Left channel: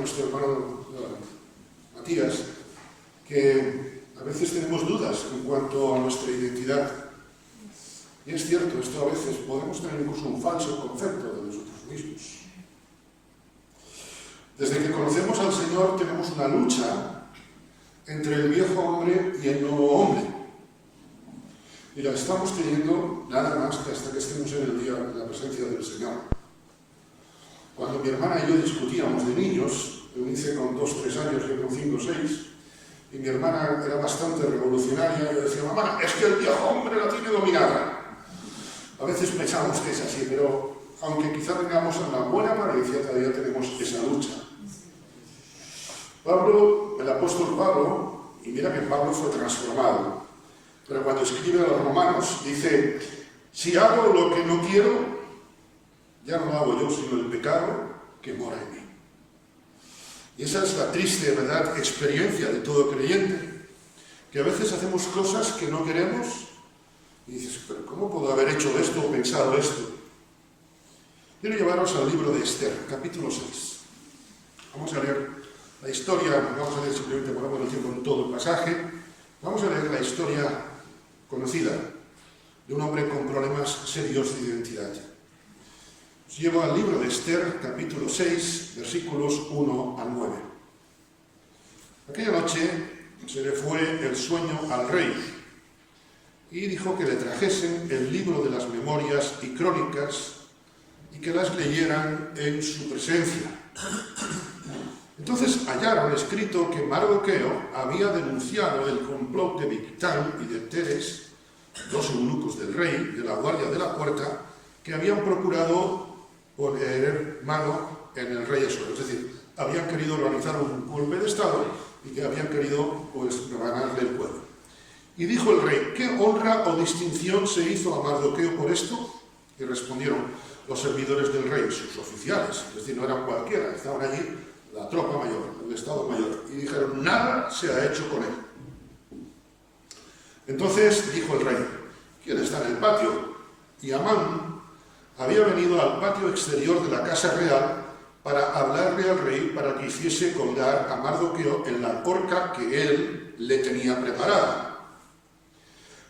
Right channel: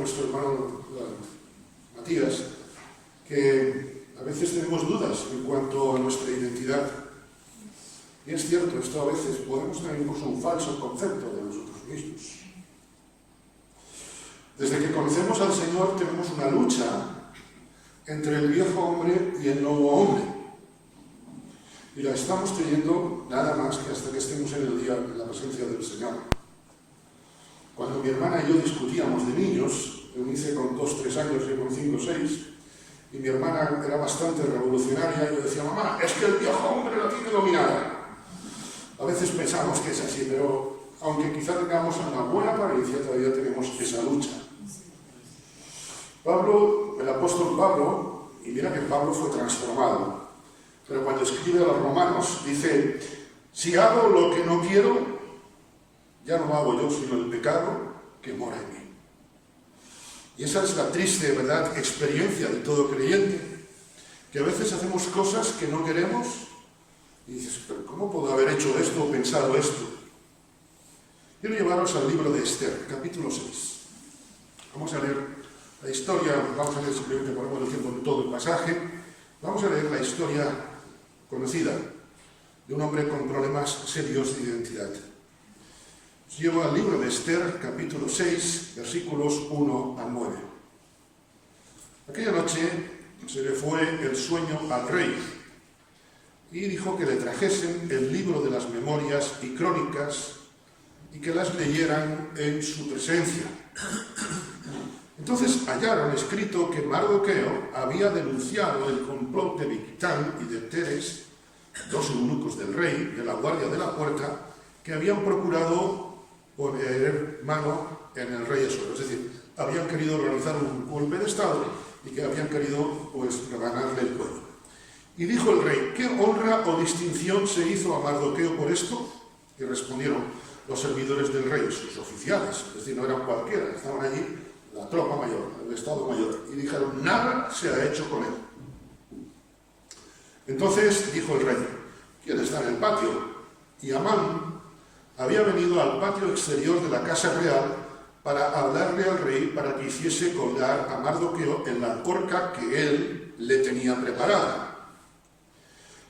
nuestro hermano Matías, que a veces tenemos dudas en cuanto a nuestra identidad. Y es cierto, esto a veces podemos tener incluso un falso concepto de nosotros mismos. Desde que conocemos al Señor tenemos una lucha entre el viejo hombre y el nuevo hombre. Y la estamos teniendo nada más que hasta que estemos en el día de la presencia del Señor. Cuando mi hermana y yo discutíamos de niños, yo hice con 2, 3 años y con 5, 6, y mi hermana era bastante revolucionaria, y yo decía, mamá, es que el viejo hombre la tiene dominada. A veces pensamos que es así, pero aunque quizá tengamos una buena apariencia, todavía tenemos esa lucha. Pablo, el apóstol Pablo, y mira que Pablo fue transformado, pero cuando escribe a los romanos dice, si hago lo que no quiero, ya no lo hago yo, sino el pecado que mora en mí. Y esa es la triste, ¿verdad?, experiencia de todo creyente, que a veces hacemos cosas que no queremos y dices, pero ¿cómo puedo haber hecho esto o pensado esto? Quiero llevaros al libro de Esther, capítulo 6. Vamos a leer la historia, vamos a leer simplemente por el tiempo en todo el pasaje, vamos a leer la historia conocida de un hombre con problemas serios de identidad. Os llevo al libro de Esther, capítulo 6, versículos 1 al 9. Aquella noche se le fue el sueño al rey y dijo que le trajesen el libro de las memorias y crónicas y que las leyeran en su presencia. Entonces hallaron escrito que Mardoqueo había denunciado el complot de Bigtán y de Teres, 2 eunucos del rey, de la guardia de la puerta, que habían procurado poner mano en el rey Asuero. Es decir, habían querido organizar un golpe de estado y que habían querido, rebanarle el cuello. Y dijo el rey, ¿qué honra o distinción se hizo a Mardoqueo por esto? Y respondieron los servidores del rey, sus oficiales, es decir, no eran cualquiera, estaban allí la tropa mayor, el estado mayor, y dijeron, nada se ha hecho con él. Entonces dijo el rey, ¿quién está en el patio? Y Amán había venido al patio exterior de la casa real para hablarle al rey para que hiciese colgar a Mardoqueo en la horca que él le tenía preparada.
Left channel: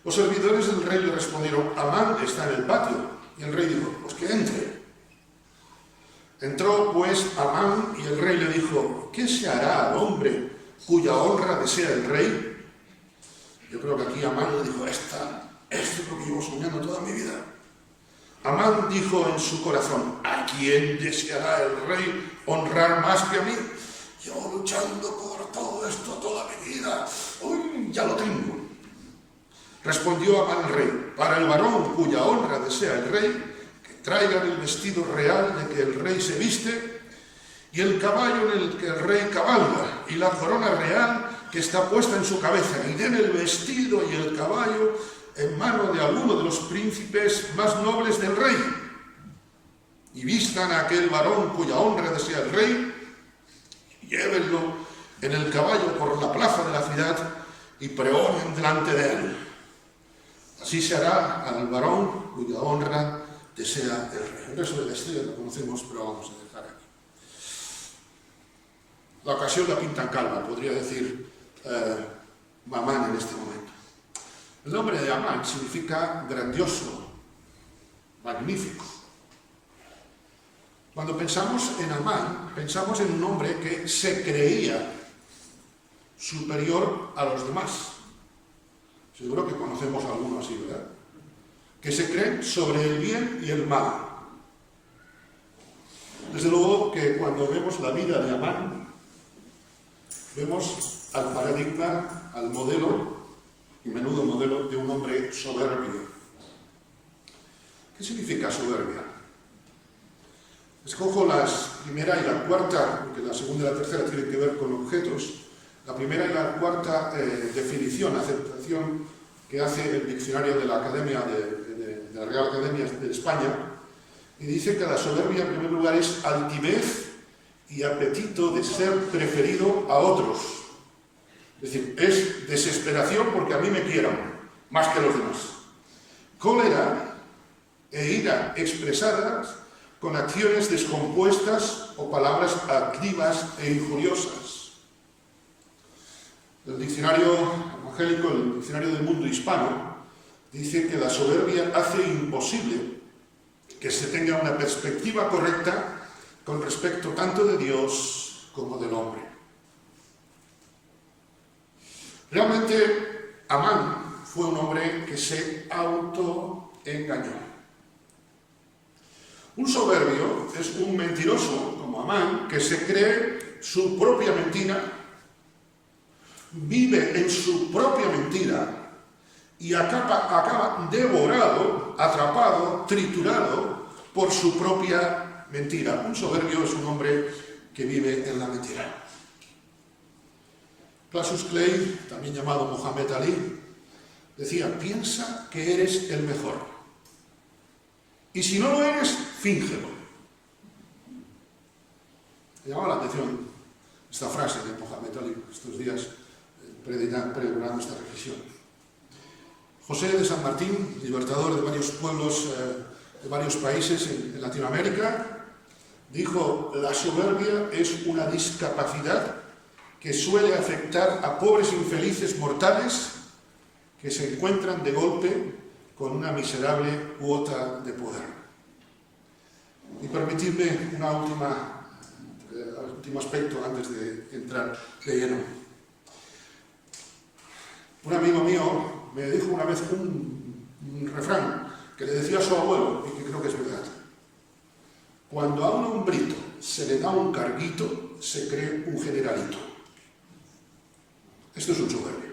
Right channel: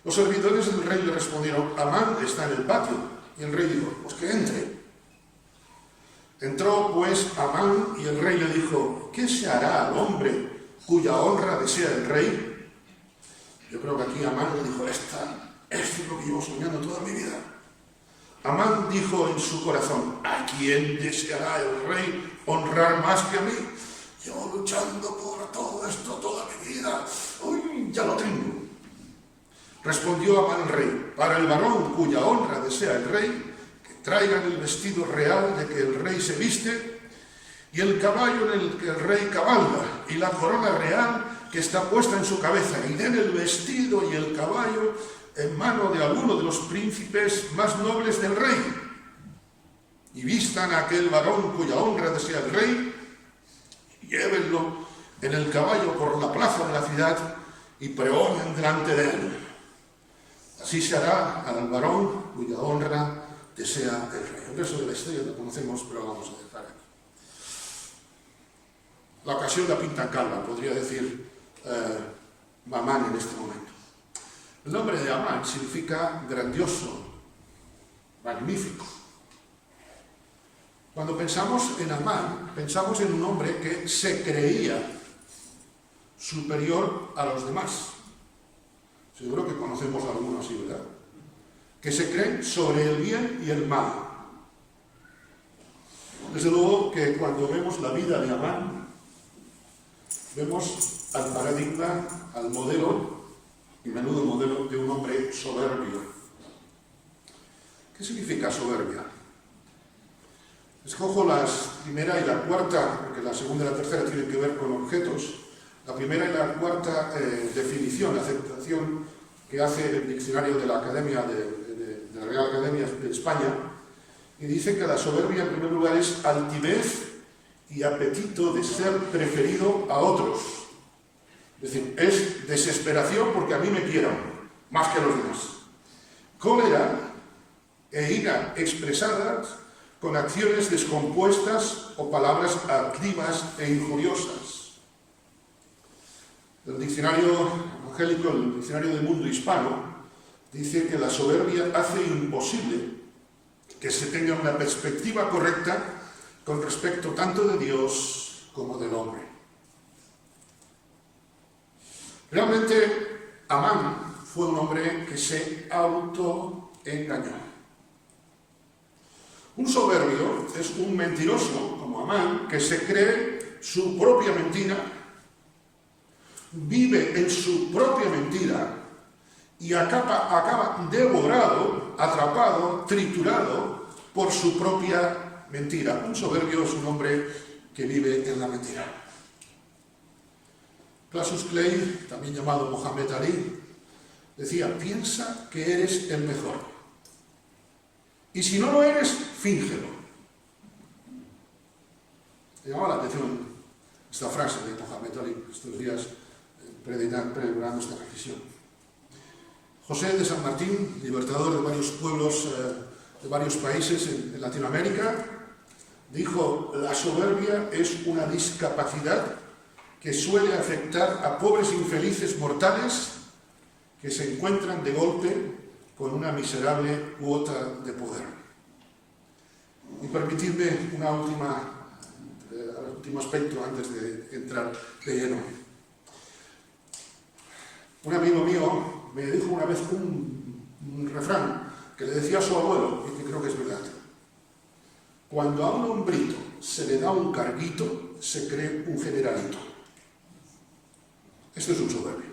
Los servidores del rey le respondieron, Amán está en el patio. Y el rey dijo, pues que entre. Entró pues Amán y el rey le dijo, ¿qué se hará al hombre cuya honra desea el rey? Yo creo que aquí Amán le dijo, esto es lo que llevo soñando toda mi vida. Amán dijo en su corazón, ¿a quién deseará el rey honrar más que a mí? Llevo luchando por todo esto toda mi vida. Uy, ya lo tengo. Respondió Amán al rey, para el varón cuya honra desea el rey, que traigan el vestido real de que el rey se viste, y el caballo en el que el rey cabalga, y la corona real que está puesta en su cabeza, y den el vestido y el caballo en mano de alguno de los príncipes más nobles del rey, y vistan a aquel varón cuya honra desea el rey, y llévenlo en el caballo por la plaza de la ciudad, y pregonen delante de él. Así se hará al varón cuya honra desea el rey. El resto de la historia lo conocemos, pero vamos a dejar aquí. La ocasión la pintan calva, podría decir Amán en este momento. El nombre de Amán significa grandioso, magnífico. Cuando pensamos en Amán, pensamos en un hombre que se creía superior a los demás. Seguro que conocemos a algunos así, ¿verdad? Que se creen sobre el bien y el mal. Desde luego que cuando vemos la vida de Amán, vemos al paradigma, al modelo, y menudo modelo, de un hombre soberbio. ¿Qué significa soberbia? Escojo las primera y la cuarta, porque la segunda y la tercera tienen que ver con objetos. La primera y la cuarta definición, aceptación que hace el diccionario de la Academia de la Real Academia de España, y dice que la soberbia en primer lugar es altivez y apetito de ser preferido a otros. Es decir, es desesperación porque a mí me quieran más que a los demás. Cólera e ira expresadas con acciones descompuestas o palabras altivas e injuriosas. El diccionario evangélico, el diccionario del mundo hispano, dice que la soberbia hace imposible que se tenga una perspectiva correcta con respecto tanto de Dios como del hombre. Realmente, Amán fue un hombre que se autoengañó. Un soberbio es un mentiroso, como Amán, que se cree su propia mentira, vive en su propia mentira y acaba devorado, atrapado, triturado por su propia mentira. Un soberbio es un hombre que vive en la mentira. Cassius Clay, también llamado Mohamed Ali, decía: piensa que eres el mejor. Y si no lo eres, fíngelo. Me llamaba la atención esta frase de Mohamed Ali estos días, predicando esta reflexión. José de San Martín, libertador de varios pueblos, de varios países en Latinoamérica, dijo: la soberbia es una discapacidad que suele afectar a pobres infelices mortales que se encuentran de golpe con una miserable cuota de poder. Y permitidme un último aspecto antes de entrar de lleno. Un amigo mío me dijo una vez un refrán que le decía a su abuelo, y que creo que es verdad: cuando a un hombrito se le da un carguito, se cree un generalito. Esto es un soberbio.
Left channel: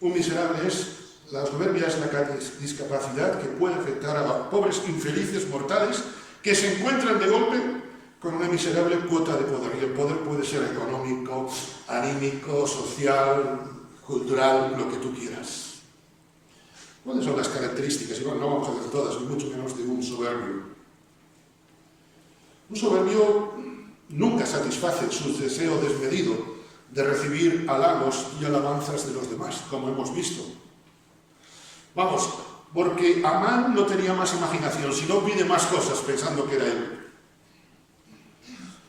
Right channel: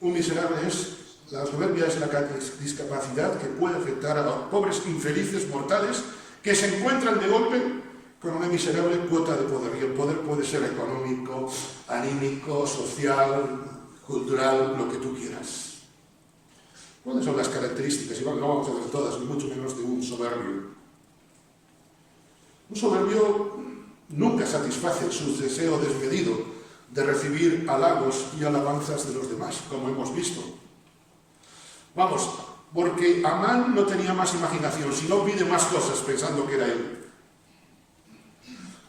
Un miserable es... La soberbia es la discapacidad que puede afectar a los pobres infelices mortales que se encuentran de golpe con una miserable cuota de poder. Y el poder puede ser económico, anímico, social, cultural, lo que tú quieras. ¿Cuáles son las características? Y bueno, no vamos a ver todas, ni mucho menos de un soberbio. Un soberbio nunca satisface su deseo desmedido de recibir halagos y alabanzas de los demás, como hemos visto. Vamos, porque Amán no tenía más imaginación, sino pide más cosas pensando que era él.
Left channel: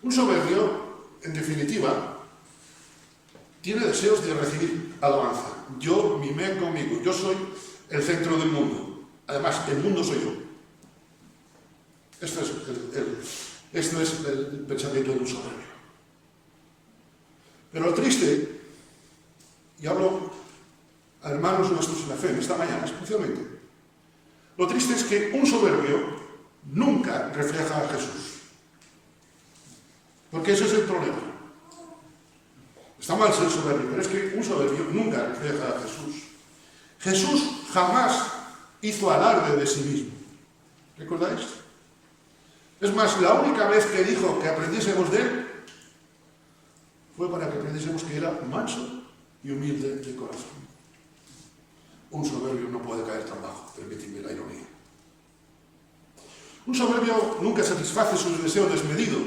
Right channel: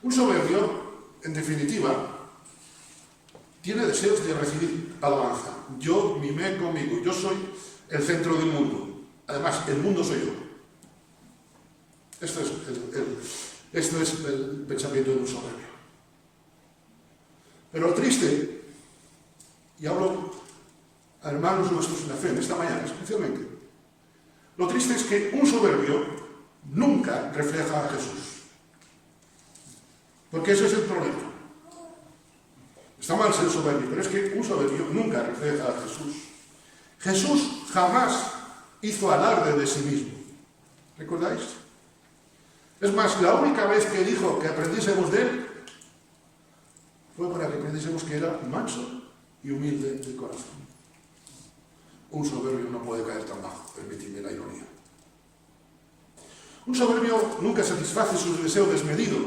Un soberbio, en definitiva, tiene deseos de recibir alabanza. Yo mimé conmigo, yo soy el centro del mundo. Además, el mundo soy yo. Esto es el pensamiento de un soberbio. Pero lo triste, y hablo a hermanos nuestros en la fe, en esta mañana especialmente, lo triste es que un soberbio nunca refleja a Jesús. Porque ese es el problema. Está mal ser soberbio, pero es que un soberbio nunca refleja a Jesús. Jesús jamás hizo alarde de sí mismo. ¿Recordáis? Es más, la única vez que dijo que aprendiésemos de él fue para que aprendiésemos que era manso y humilde de corazón. Un soberbio no puede caer tan bajo, permitidme la ironía. Un soberbio nunca satisface su deseo desmedido.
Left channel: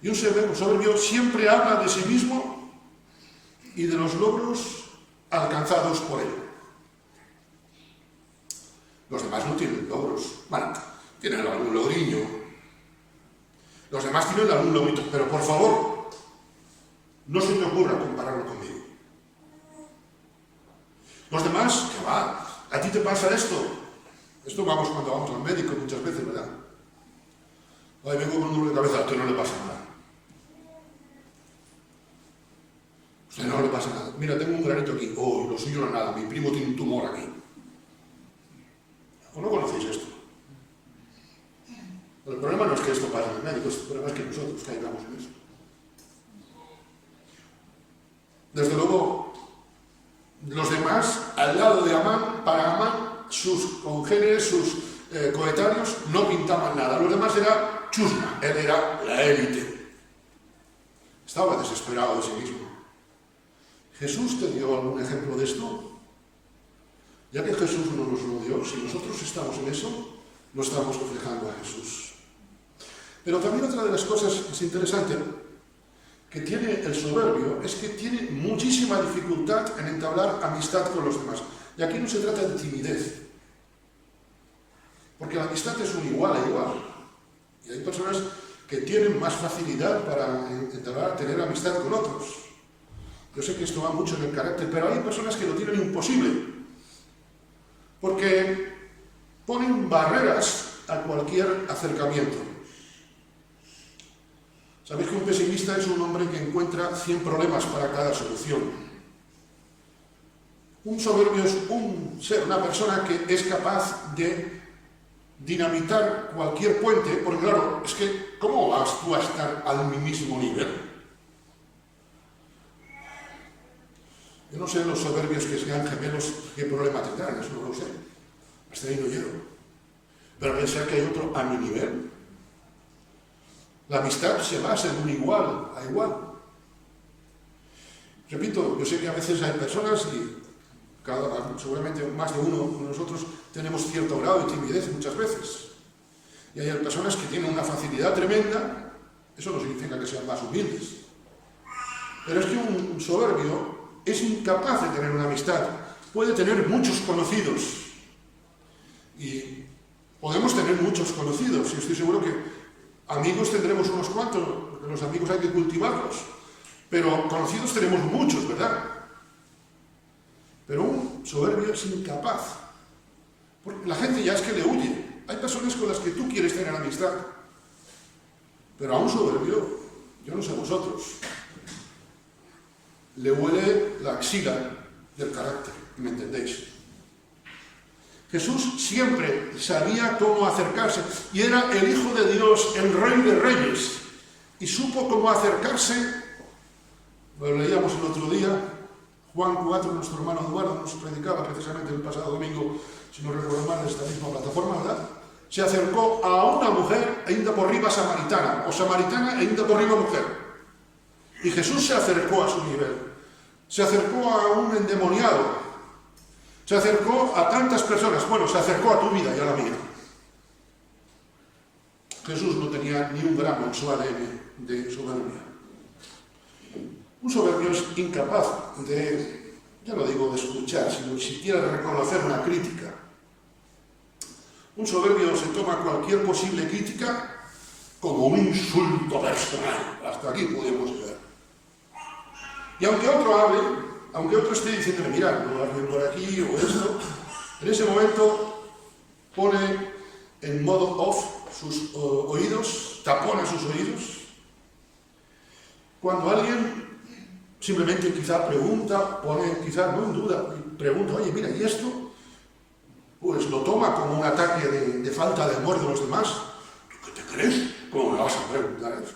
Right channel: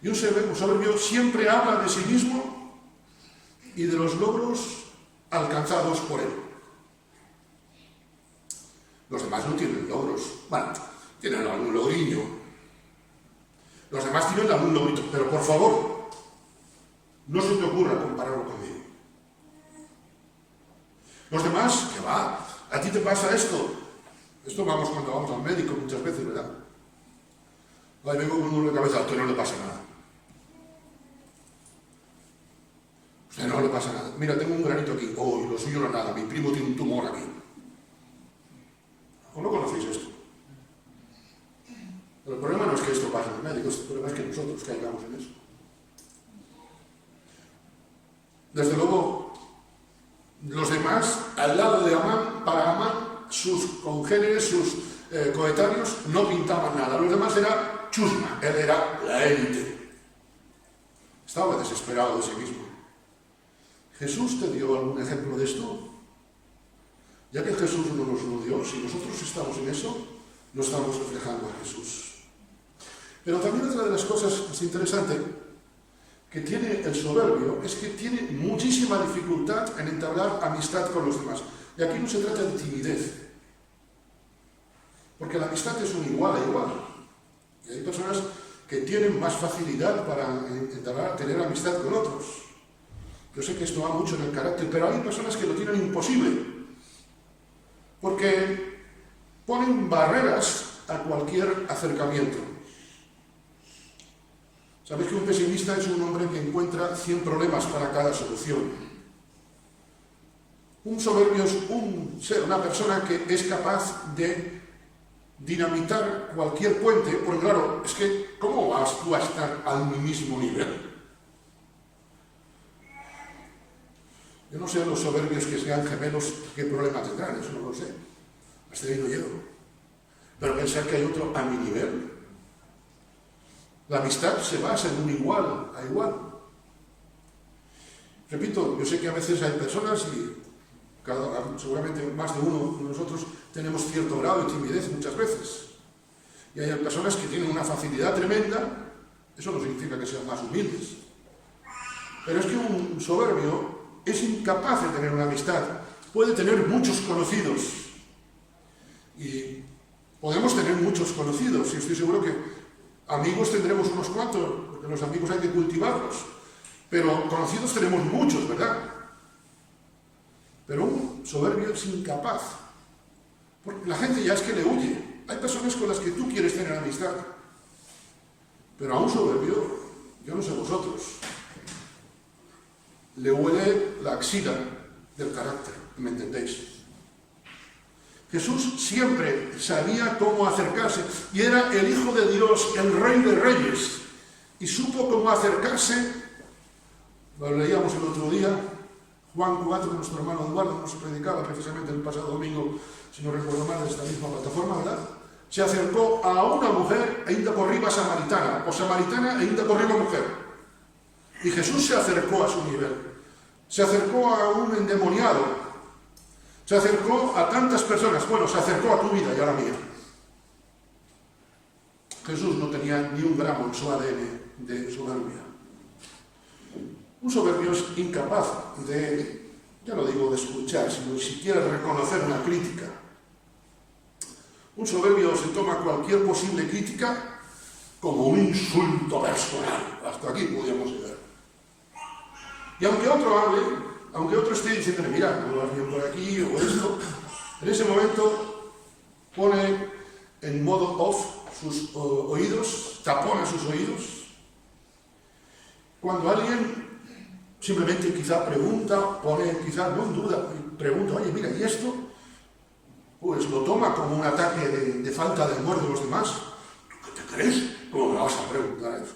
Y un soberbio siempre habla de sí mismo y de los logros alcanzados por él. Los demás no tienen logros. Bueno, tienen algún logriño. Los demás tienen algún logrito, pero por favor, no se te ocurra compararlo conmigo. Los demás, ¿qué va? ¿A ti te pasa esto? Esto vamos cuando vamos al médico muchas veces, ¿verdad? Ay, vengo con un dolor de cabeza, a usted no le pasa nada. A usted no le pasa nada. Mira, tengo un granito aquí. Oh, lo suyo no es nada. Mi primo tiene un tumor aquí. ¿O no conocéis esto? El problema no es que esto pase en el médico, el problema es que nosotros caigamos en eso. Desde luego, los demás, al lado de Amán, para Amán, sus congéneres, sus coetáneos, no pintaban nada. Los demás era chusma, él era la élite. Estaba desesperado de sí mismo. ¿Jesús te dio algún ejemplo de esto? Ya que Jesús no nos lo dio, si nosotros estamos en eso, no estamos reflejando a Jesús. Pero también otra de las cosas más interesantes que tiene el soberbio es que tiene muchísima dificultad en entablar amistad con los demás. Y aquí no se trata de timidez, porque la amistad es un igual a igual. Y hay personas que tienen más facilidad para tener amistad con otros. Yo sé que esto va mucho en el carácter, pero hay personas que lo tienen imposible, porque ponen barreras a cualquier acercamiento. Sabéis que un pesimista es un hombre que encuentra 100 problemas para cada solución. Un soberbio es una persona que es capaz de dinamitar cualquier puente, porque claro, es que ¿cómo vas tú a estar al mismo nivel? Yo no sé los soberbios que sean gemelos qué problema tendrán, eso no lo sé. Hasta ahí no llego. Pero pensar que hay otro a mi nivel. La amistad se basa en un igual a igual. Repito, yo sé que a veces hay personas y seguramente más de uno de nosotros tenemos cierto grado de timidez muchas veces. Y hay personas que tienen una facilidad tremenda, eso no significa que sean más humildes. Pero es que un soberbio es incapaz de tener una amistad. Puede tener muchos conocidos. Y podemos tener muchos conocidos. Y estoy seguro que amigos tendremos unos cuantos, porque los amigos hay que cultivarlos. Pero conocidos tenemos muchos, ¿verdad? Pero un soberbio es incapaz. Porque la gente ya es que le huye. Hay personas con las que tú quieres tener amistad. Pero a un soberbio, yo no sé vosotros, le huele la axila del carácter, ¿me entendéis? Jesús siempre sabía cómo acercarse, y era el Hijo de Dios, el Rey de Reyes, y supo cómo acercarse. Lo leíamos el otro día, Juan 4, nuestro hermano Eduardo nos predicaba precisamente el pasado domingo, si no recuerdo mal, de esta misma plataforma, ¿verdad? Se acercó a una mujer, ainda por riba samaritana, o samaritana, ainda por riba mujer. Y Jesús se acercó a su nivel, se acercó a un endemoniado, se acercó a tantas personas, bueno, se acercó a tu vida y a la mía. Jesús no tenía ni un gramo en su ADN de soberbia. Un soberbio es incapaz de, ya no digo de escuchar, sino siquiera de reconocer una crítica. Un soberbio se toma cualquier posible crítica como un insulto personal. Hasta aquí podemos llegar. Y aunque otro hable, aunque otro esté diciéndole, mira, no vas bien por aquí o esto, en ese momento pone en modo off sus oídos, tapona sus oídos. Cuando alguien simplemente quizá pregunta, pone quizá no en duda, pregunta, oye, mira, ¿y esto? Pues lo toma como un ataque de falta de amor de los demás. ¿Tú qué te crees? ¿Cómo me vas a preguntar eso?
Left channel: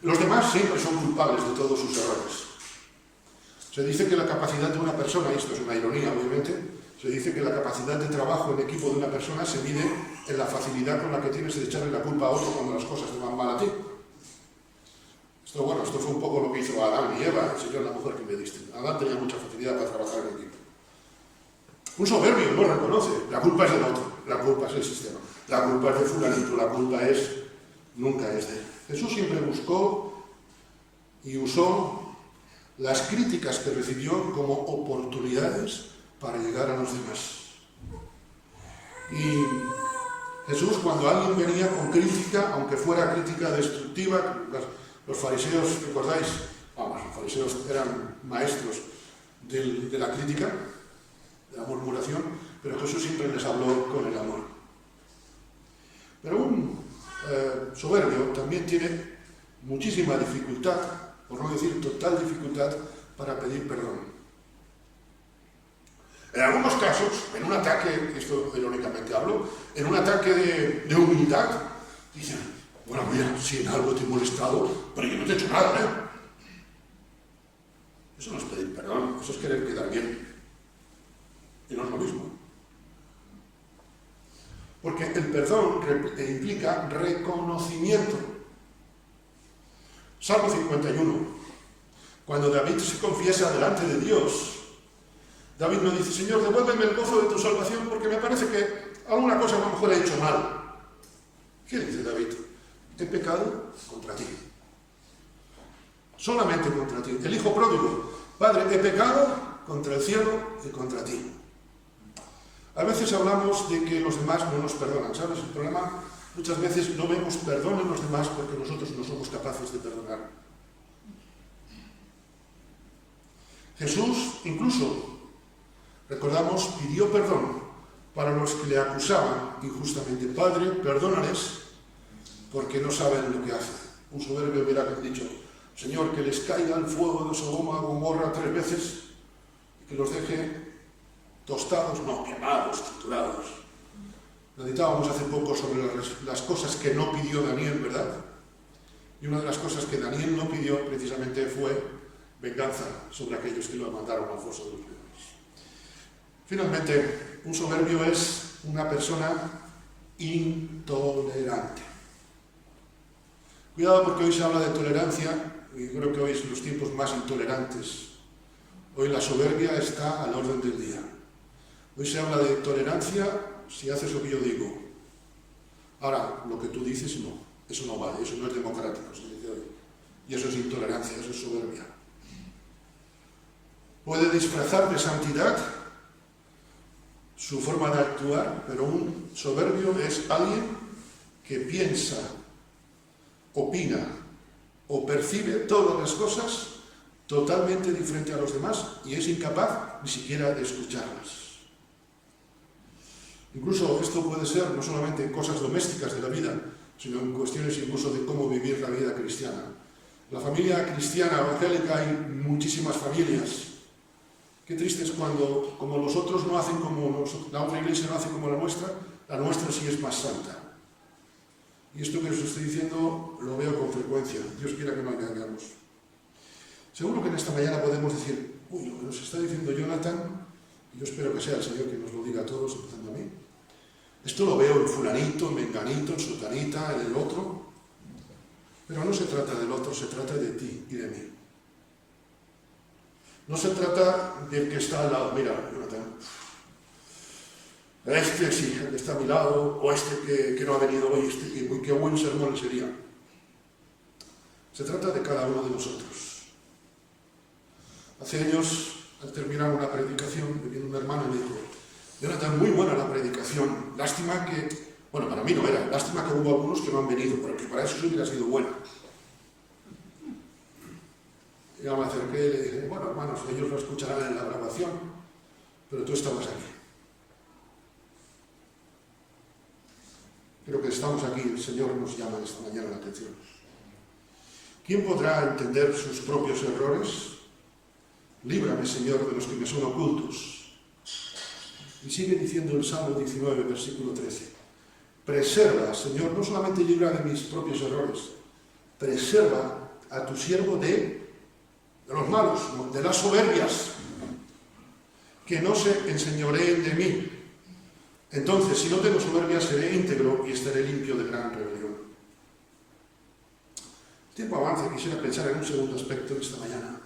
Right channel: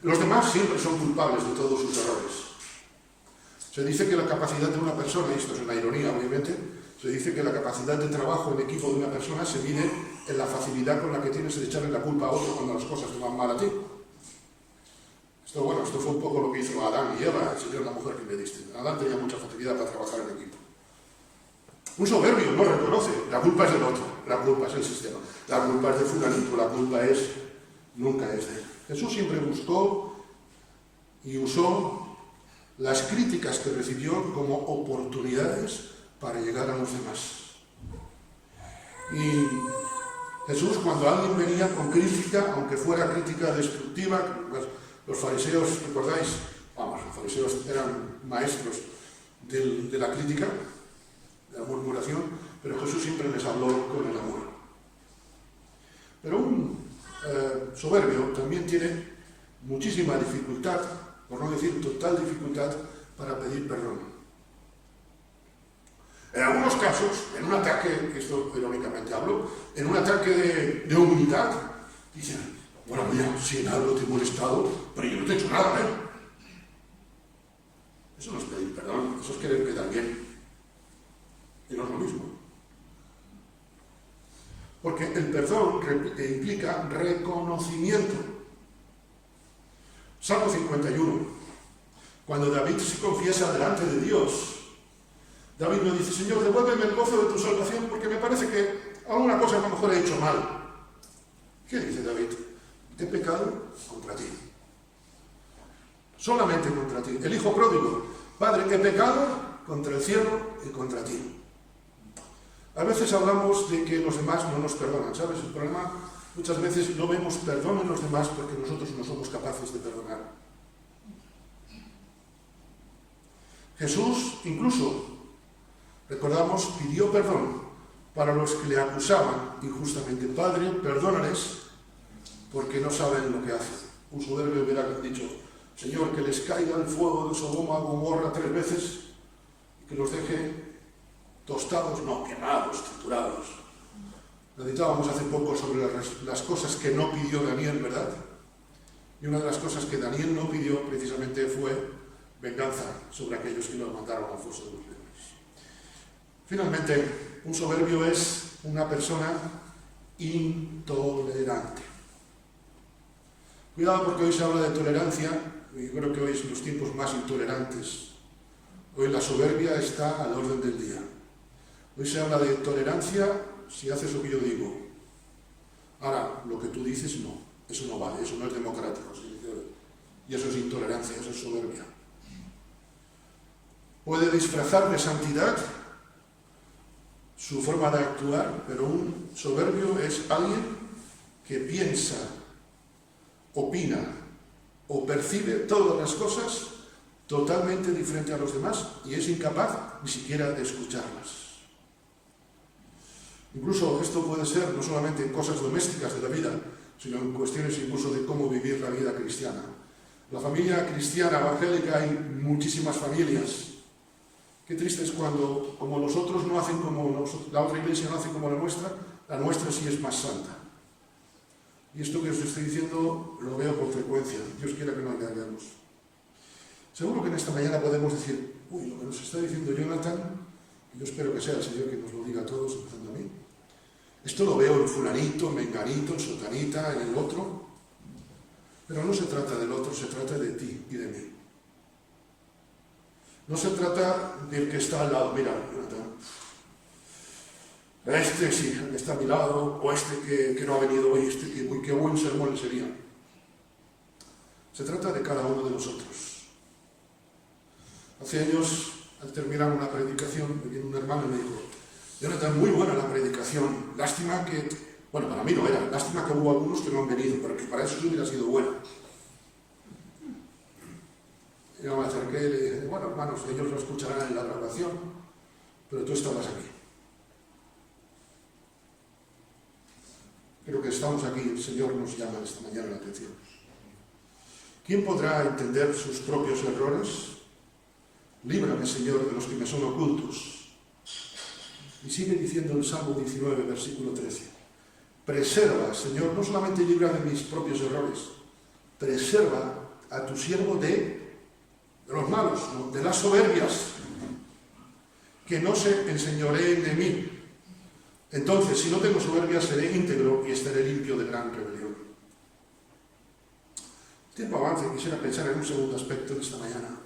Los demás siempre son culpables de todos sus errores. Se dice que la capacidad de una persona, y esto es una ironía obviamente, se dice que la capacidad de trabajo en equipo de una persona se mide en la facilidad con la que tienes de echarle la culpa a otro cuando las cosas te van mal a ti. Esto fue un poco lo que hizo Adán y Eva, el Señor y la mujer que me diste. Adán tenía mucha facilidad para trabajar en equipo. Un soberbio no reconoce, la culpa es del otro, la culpa es del sistema, la culpa es de fulanito, la culpa nunca es de él. Jesús siempre buscó y usó las críticas que recibió como oportunidades para llegar a los demás. Y Jesús, cuando alguien venía con crítica, aunque fuera crítica destructiva, los fariseos, ¿recordáis? Vamos, los fariseos eran maestros de la crítica, de la murmuración, pero Jesús siempre les habló con el amor. Pero un soberbio también tiene muchísima dificultad, por no decir total dificultad, para pedir perdón. En algunos casos, en un ataque, esto irónicamente hablo, en un ataque de humildad, dicen, bueno, mira, si en algo te he molestado, pero yo no te he hecho nada, ¿eh? Eso no es pedir perdón, eso es querer quedar bien. Y no es lo mismo. Porque el perdón implica reconocimiento. Salmo 51. Cuando David se confiesa delante de Dios, David no dice, Señor, devuélveme el gozo de tu salvación porque me parece que alguna cosa a lo mejor he hecho mal. ¿Qué dice David? He pecado contra ti. Solamente contra ti. El hijo pródigo, Padre, he pecado contra el cielo y contra ti. A veces hablamos de que los demás no nos perdonan, ¿sabes? El problema Muchas veces no vemos perdón en los demás porque nosotros no somos capaces de perdonar. Jesús, incluso, recordamos, pidió perdón para los que le acusaban injustamente. Padre, perdónales porque no saben lo que hacen. Un soberbio hubiera dicho, Señor, que les caiga el fuego de Sodoma, Gomorra 3 veces y que los deje tostados, no, quemados, triturados. Meditábamos hace poco sobre las cosas que no pidió Daniel, ¿verdad? Y una de las cosas que Daniel no pidió precisamente fue venganza sobre aquellos que lo mandaron al foso de los leones. Finalmente, un soberbio es una persona intolerante. Cuidado porque hoy se habla de tolerancia y creo que hoy son los tiempos más intolerantes. Hoy la soberbia está al orden del día. Hoy se habla de tolerancia si haces lo que yo digo. Ahora, lo que tú dices no. Eso no vale, eso no es democrático, se dice hoy. Y eso es intolerancia, eso es soberbia. Puede disfrazar de santidad su forma de actuar, pero un soberbio es alguien que piensa, opina o percibe todas las cosas totalmente diferente a los demás y es incapaz ni siquiera de escucharlas. Incluso esto puede ser no solamente en cosas domésticas de la vida, sino en cuestiones incluso de cómo vivir la vida cristiana. La familia cristiana evangélica hay muchísimas familias. Qué triste es cuando, como los otros no hacen como la otra iglesia no hace como la nuestra sí es más santa. Y esto que os estoy diciendo lo veo con frecuencia. Dios quiera que no engañemos. Seguro que en esta mañana podemos decir, uy, lo que nos está diciendo Jonathan, y yo espero que sea el Señor que nos lo diga a todos, empezando a mí. Esto lo veo en fulanito, en menganito, en sotanita, en el otro. Pero no se trata del otro, se trata de ti y de mí. No se trata del que está al lado. Mira, Jonathan, este sí, el que está a mi lado, o este que no ha venido hoy, qué buen sermón le sería. Se trata de cada uno de nosotros. Hace años, al terminar una predicación, me vino un hermano y me dijo, Jonathan, muy buena la predicación, lástima que, bueno, para mí no era, lástima que hubo algunos que no han venido, pero que para eso sí hubiera sido buena. Y yo me acerqué y le dije, bueno, hermanos, ellos lo escucharán en la grabación, pero tú estabas aquí. Creo que estamos aquí, el Señor nos llama esta mañana la atención. ¿Quién podrá entender sus propios errores? Líbrame, Señor, de los que me son ocultos. Y sigue diciendo el Salmo 19, versículo 13. Preserva, Señor, no solamente libra de mis propios errores, preserva a tu siervo de los malos, ¿no? De las soberbias, que no se enseñoreen de mí. Entonces, si no tengo soberbia, seré íntegro y estaré limpio de gran rebelión. El tiempo avanza y quisiera pensar en un segundo aspecto en esta mañana.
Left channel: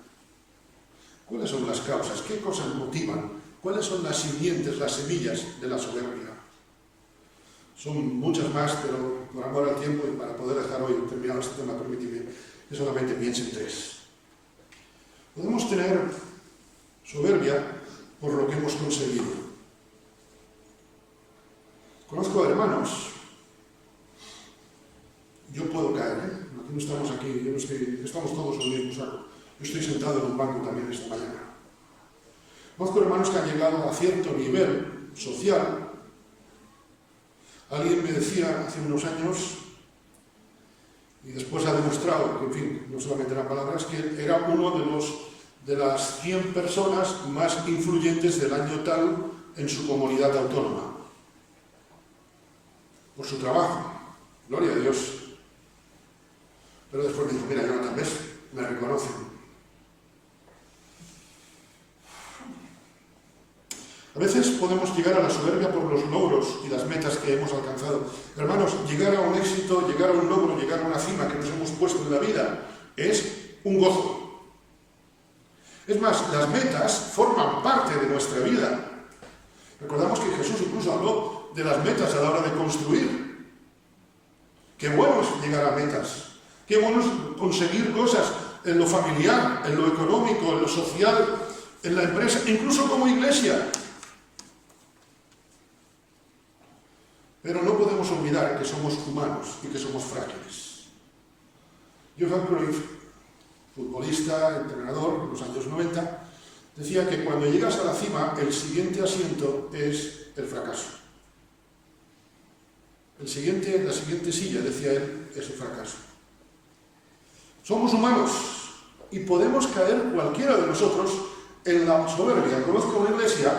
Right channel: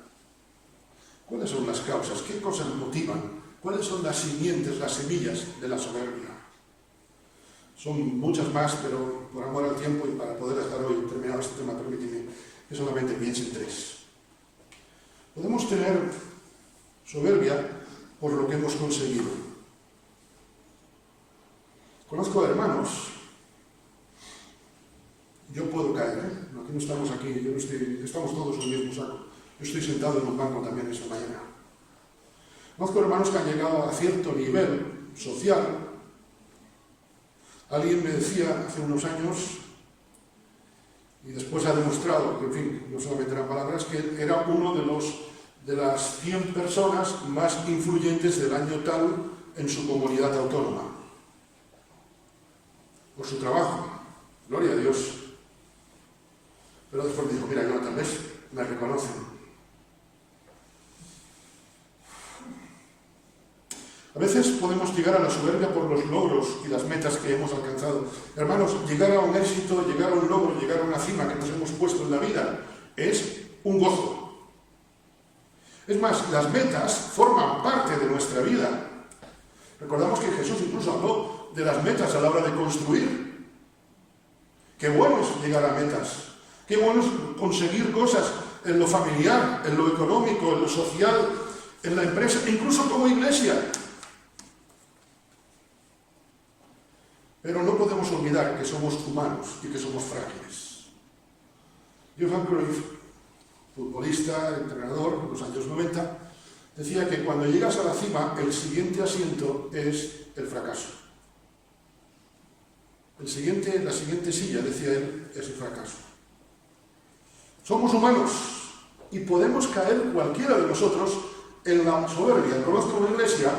¿Cuáles son las causas? ¿Qué cosas motivan? ¿Cuáles son las simientes, las semillas de la soberbia? Son muchas más, pero por amor al tiempo y para poder dejar hoy terminado este tema, permíteme que solamente piense en 3. Podemos tener soberbia por lo que hemos conseguido. Conozco hermanos, yo puedo caer, aquí no estamos aquí, estamos todos en el mismo saco. Yo estoy sentado en un banco también esta mañana. Conozco hermanos que han llegado a cierto nivel social. Alguien me decía hace unos años, y después ha demostrado que, en fin, no solamente eran palabras, que era uno de las 100 personas más influyentes del año tal en su comunidad autónoma. Por su trabajo. Gloria a Dios. Pero después me dijo, mira, Jonathan, ¿ves? Me reconocen. A veces podemos llegar a la soberbia por los logros y las metas que hemos alcanzado. Hermanos, llegar a un éxito, llegar a un logro, llegar a una cima que nos hemos puesto en la vida es un gozo. Es más, las metas forman parte de nuestra vida. Recordamos que Jesús incluso habló de las metas a la hora de construir. Qué bueno es llegar a metas. Qué bueno es conseguir cosas en lo familiar, en lo económico, en lo social, en la empresa, incluso como iglesia. Pero no podemos olvidar olvidar que somos humanos y que somos frágiles. Johan Cruyff, futbolista, entrenador en los años 90, decía que cuando llegas a la cima, el siguiente asiento es el fracaso. La siguiente silla, decía él, es el fracaso. Somos humanos y podemos caer cualquiera de nosotros en la soberbia. Conozco una iglesia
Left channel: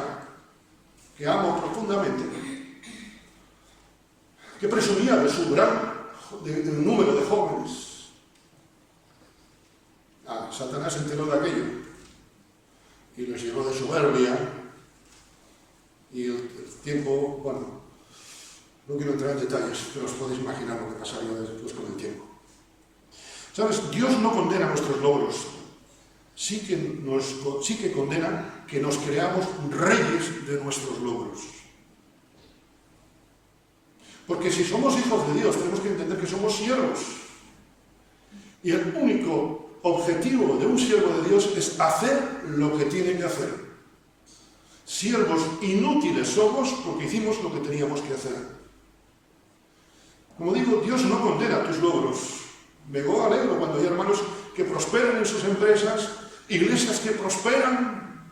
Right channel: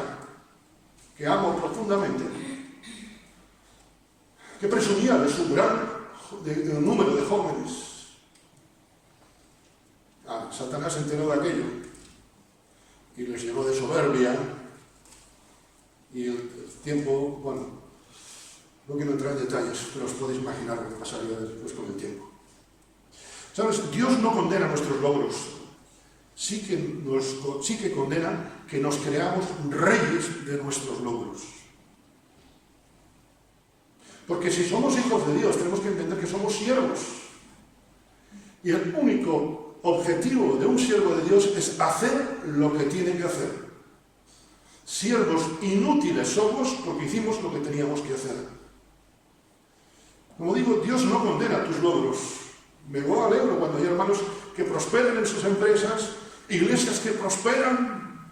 que amo profundamente, que presumía de su gran número de jóvenes. Satanás se enteró de aquello y les llenó de soberbia, y el tiempo, bueno, no quiero entrar en detalles, pero os podéis imaginar lo que pasaría después con el tiempo. ¿Sabes? Dios no condena nuestros logros, sí que condena que nos creamos reyes de nuestros logros. Porque si somos hijos de Dios, tenemos que entender que somos siervos. Y el único objetivo de un siervo de Dios es hacer lo que tiene que hacer. Siervos inútiles somos porque hicimos lo que teníamos que hacer. Como digo, Dios no condena tus logros. Me alegro cuando hay hermanos que prosperan en sus empresas, iglesias que prosperan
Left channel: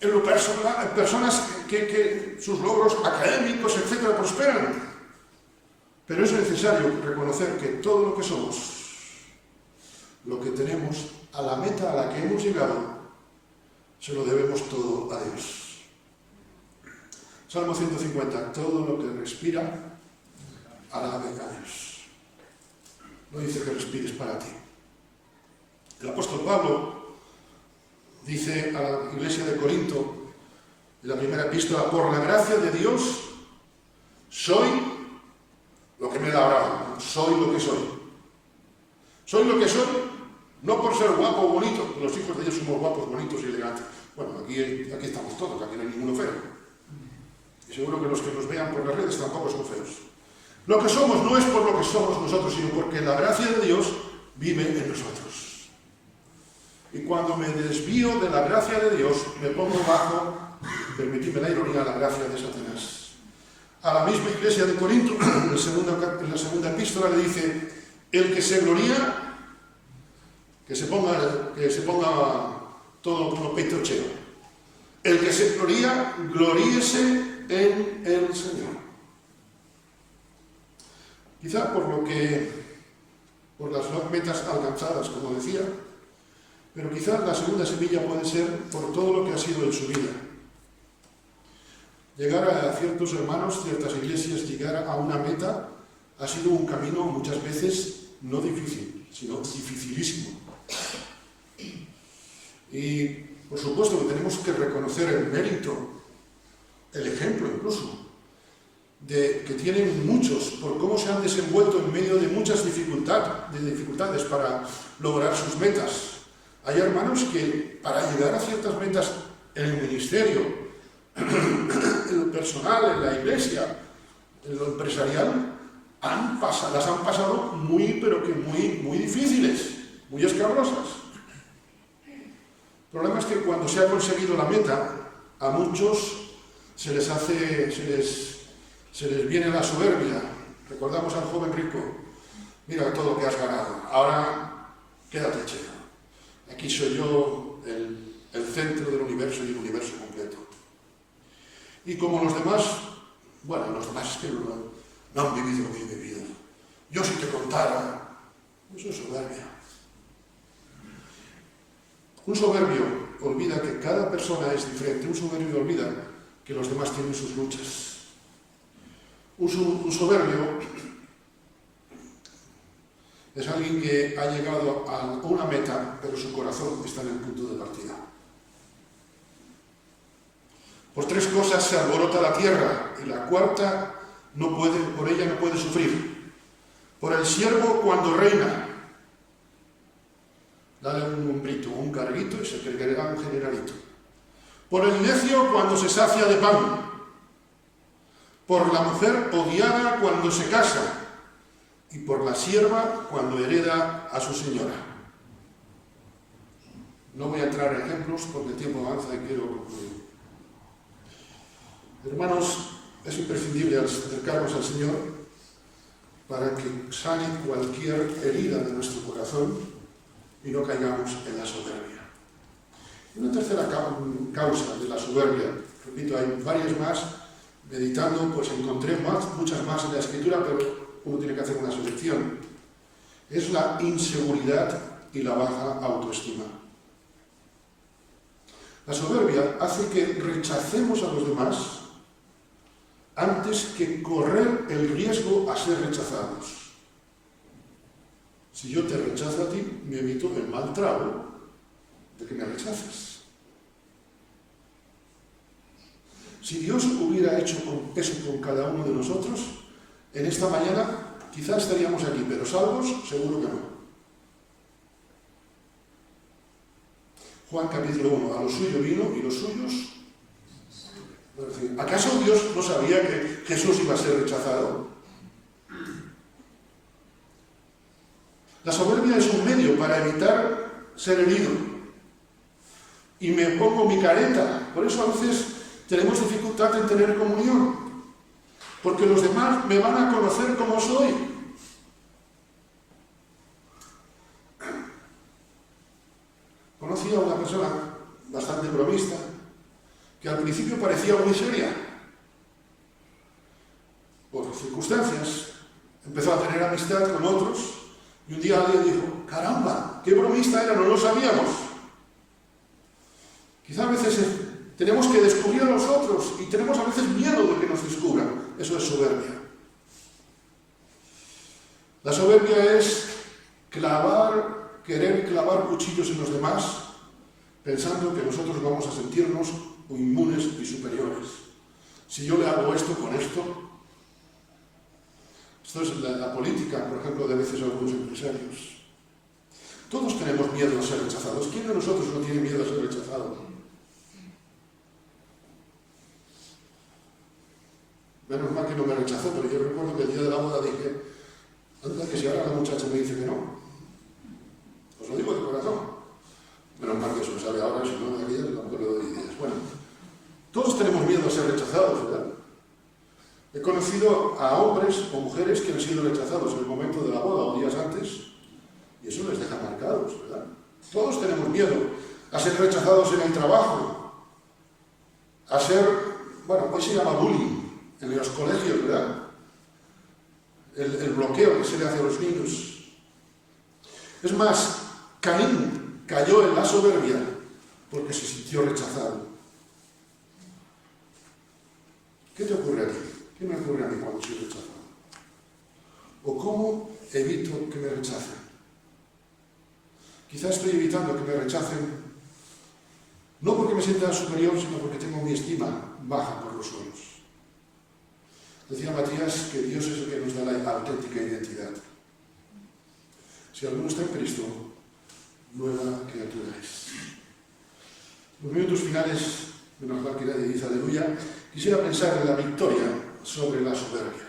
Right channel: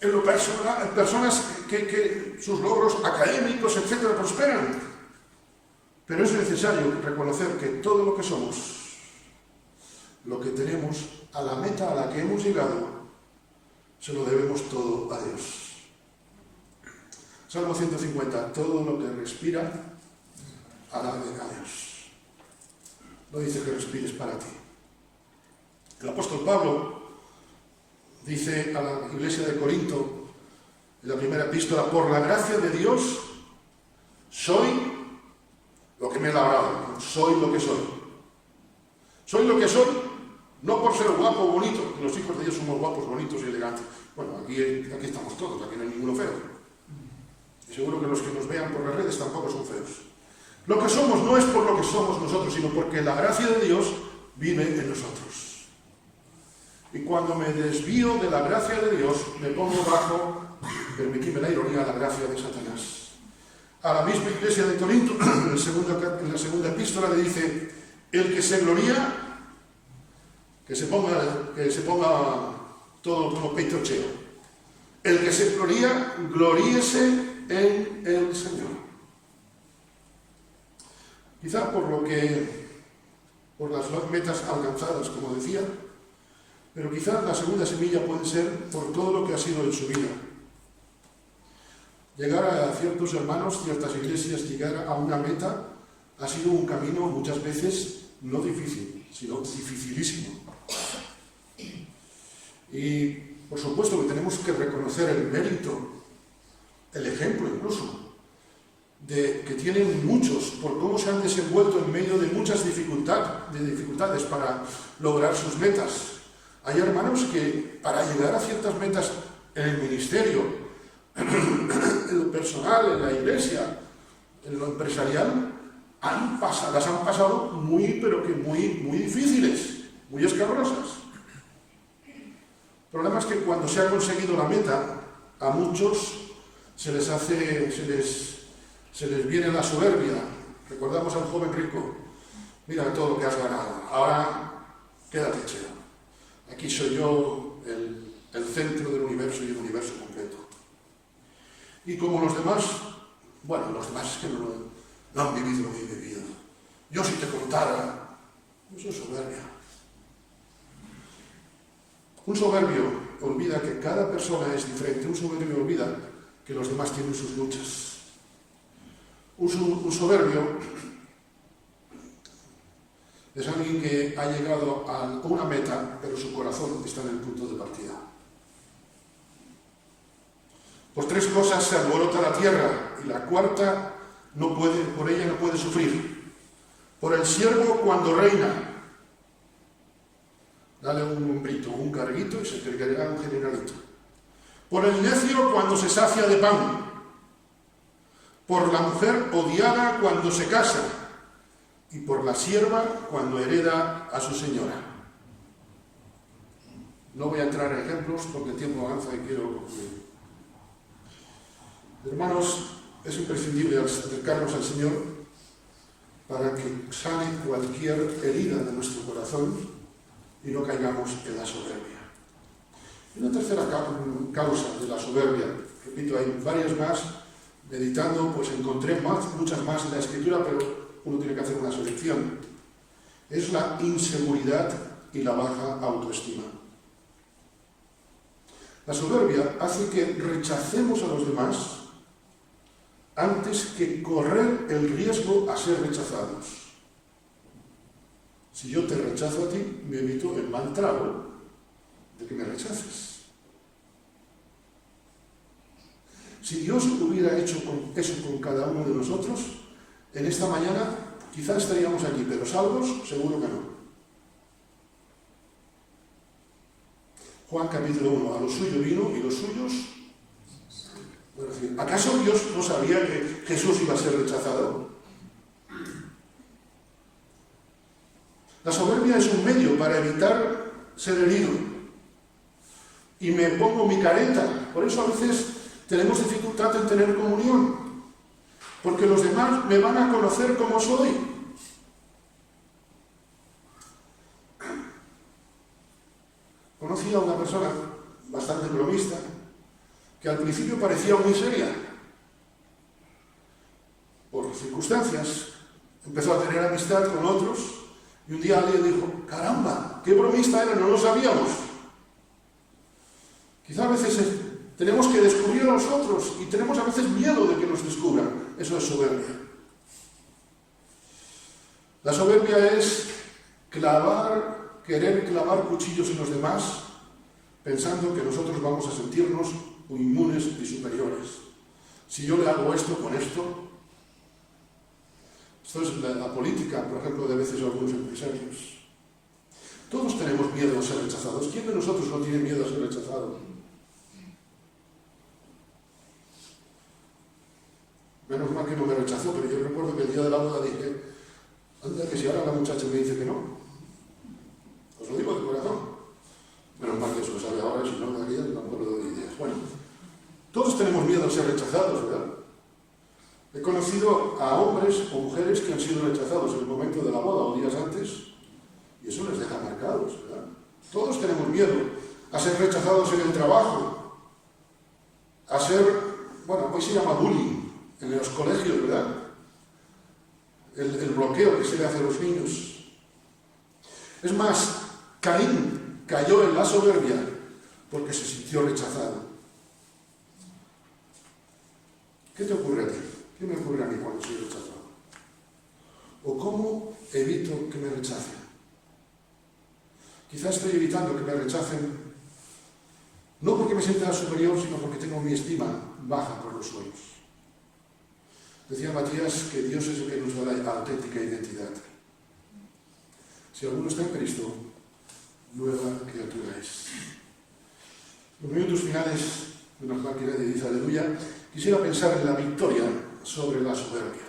en lo personal, personas que sus logros académicos, etcétera, prosperan. Pero es necesario reconocer que todo lo que somos, lo que tenemos, a la meta a la que hemos llegado, se lo debemos todo a Dios. Salmo 150, todo lo que respira, alabe a Dios. No dice que respires para ti. El apóstol Pablo dice a la iglesia de Corinto, en la primera epístola, por la gracia de Dios, soy lo que me he labrado, soy lo que soy. Soy lo que soy, no por ser guapo o bonito, que los hijos de Dios somos guapos, bonitos y elegantes. Bueno, aquí estamos todos, aquí no hay ninguno feo. Y seguro que los que nos vean por las redes tampoco son feos. Lo que somos no es por lo que somos nosotros, sino porque la gracia de Dios vive en nosotros. Y cuando me desvío de la gracia de Dios, me pongo bajo, permitidme la ironía, la gracia de Satanás. A la misma iglesia de Corinto, en la segunda epístola, le dice, el que se gloría, que se ponga todo con los peitos cheos. El que se gloría, gloríese en el Señor. Quizá por las metas alcanzadas, como decía, pero quizá la segunda semilla puede ser por todo lo que ha sido en su vida. Llegar a ciertos hermanos, ciertas iglesias, llegar a una meta, ha sido un camino muchas veces no difícil, sino dificilísimo. Y por supuesto que tenemos que reconocer el mérito, el ejemplo incluso, que tienen muchos por cómo se han desenvuelto en medio de muchas dificultades para lograr sus metas. Hay hermanos que para llegar a ciertas metas en el ministerio, en lo personal, en la iglesia, en lo empresarial, las han pasado muy difíciles, muy escabrosas. El problema es que cuando se ha conseguido la meta, a muchos se les viene la soberbia. Recordamos al joven rico, mira todo lo que has ganado, ahora quédate cheio. Aquí soy yo el centro del universo y el universo completo. Y como los demás, los demás es que no han vivido lo que he vivido. Yo si te contara, eso es soberbia. Un soberbio olvida que cada persona es diferente, un soberbio olvida que los demás tienen sus luchas. Un soberbio es alguien que ha llegado a una meta, pero su corazón está en el punto de partida. Por tres cosas se alborota la tierra, y la cuarta por ella no puede sufrir. Por el siervo cuando reina, dale un hombrito, un carguito y se creerá un generalito. Por el necio cuando se sacia de pan. Por la mujer odiada cuando se casa, y por la sierva cuando hereda a su señora. No voy a entrar en ejemplos porque el tiempo avanza y quiero concluir. Hermanos, es imprescindible al acercarnos al Señor para que sane cualquier herida de nuestro corazón y no caigamos en la soberbia. Y una tercera causa de la soberbia, repito, hay varias más, meditando, pues encontré muchas más en la Escritura, pero uno tiene que hacer una selección. Es la inseguridad y la baja autoestima. La soberbia hace que rechacemos a los demás antes que correr el riesgo a ser rechazados. Si yo te rechazo a ti, me evito el mal trago de que me rechaces. Si Dios hubiera hecho eso con cada uno de nosotros, en esta mañana quizás estaríamos aquí, pero salvos, seguro que no. Juan capítulo 1, a lo suyo vino y los suyos... Bueno, ¿acaso Dios no sabía que Jesús iba a ser rechazado? La soberbia es un medio para evitar ser herido. Y me pongo mi careta. Por eso a veces tenemos dificultad en tener comunión. Porque los demás me van a conocer como soy. Conocí a una persona bastante bromista, que al principio parecía muy seria. Por circunstancias, empezó a tener amistad con otros, y un día alguien dijo, caramba, qué bromista era, no lo sabíamos. Quizá a veces tenemos que descubrir a los otros, y tenemos a veces miedo de que nos descubran. Eso es soberbia. La soberbia es querer clavar cuchillos en los demás, pensando que nosotros vamos a sentirnos inmunes y superiores. Si yo le hago esto con esto es la política, por ejemplo, de veces algunos empresarios. Todos tenemos miedo a ser rechazados. ¿Quién de nosotros no tiene miedo a ser rechazado? Menos mal que no me rechazó, pero yo recuerdo que el día de la boda dije, anda, que si ahora la muchacha me dice que no. Os lo digo de corazón. Menos mal que eso me sale ahora, si no de aquella, a lo mejor le doy ideas. Bueno, todos tenemos miedo a ser rechazados, ¿verdad? He conocido a hombres o mujeres que han sido rechazados en el momento de la boda o días antes, y eso les deja marcados, ¿verdad? Todos tenemos miedo a ser rechazados en el trabajo, a ser, bueno, hoy se llama bullying en los colegios, ¿verdad? El bloqueo que se le hace a los niños. Es más, Caín cayó en la soberbia porque se sintió rechazado. ¿Qué te ocurre a ti? ¿Qué me ocurre a mí cuando soy rechazado? ¿O cómo evito que me rechacen? Quizás estoy evitando que me rechacen no porque me sienta superior, sino porque tengo mi estima baja por los suelos. Decía Matías que Dios es el que nos da la auténtica identidad. Si alguno está en Cristo, nueva criatura es. Los minutos finales, menos mal que nadie dice aleluya, quisiera pensar en la victoria sobre la soberbia.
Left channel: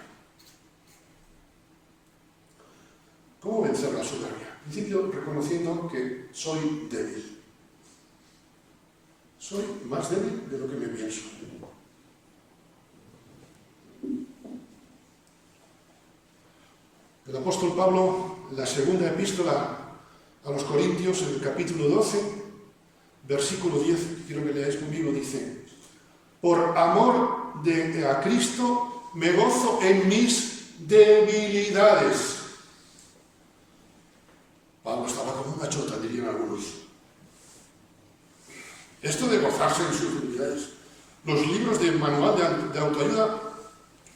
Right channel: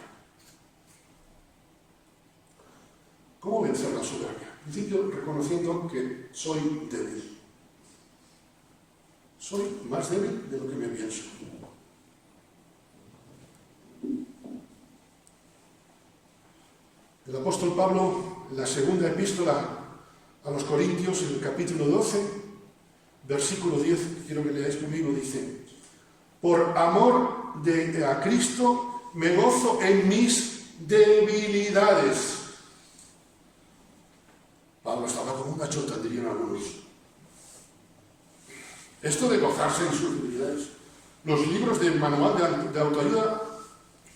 ¿Cómo vencer la soberbia? En principio, reconociendo que soy débil. Soy más débil de lo que me pienso. El apóstol Pablo, en la segunda epístola a los Corintios, en el capítulo 12, versículo 10, quiero que leáis conmigo, dice: por amor a Cristo me gozo en mis debilidades. Pablo estaba como una chota, dirían algunos. Esto de gozarse en sus debilidades. Los libros de manual de autoayuda,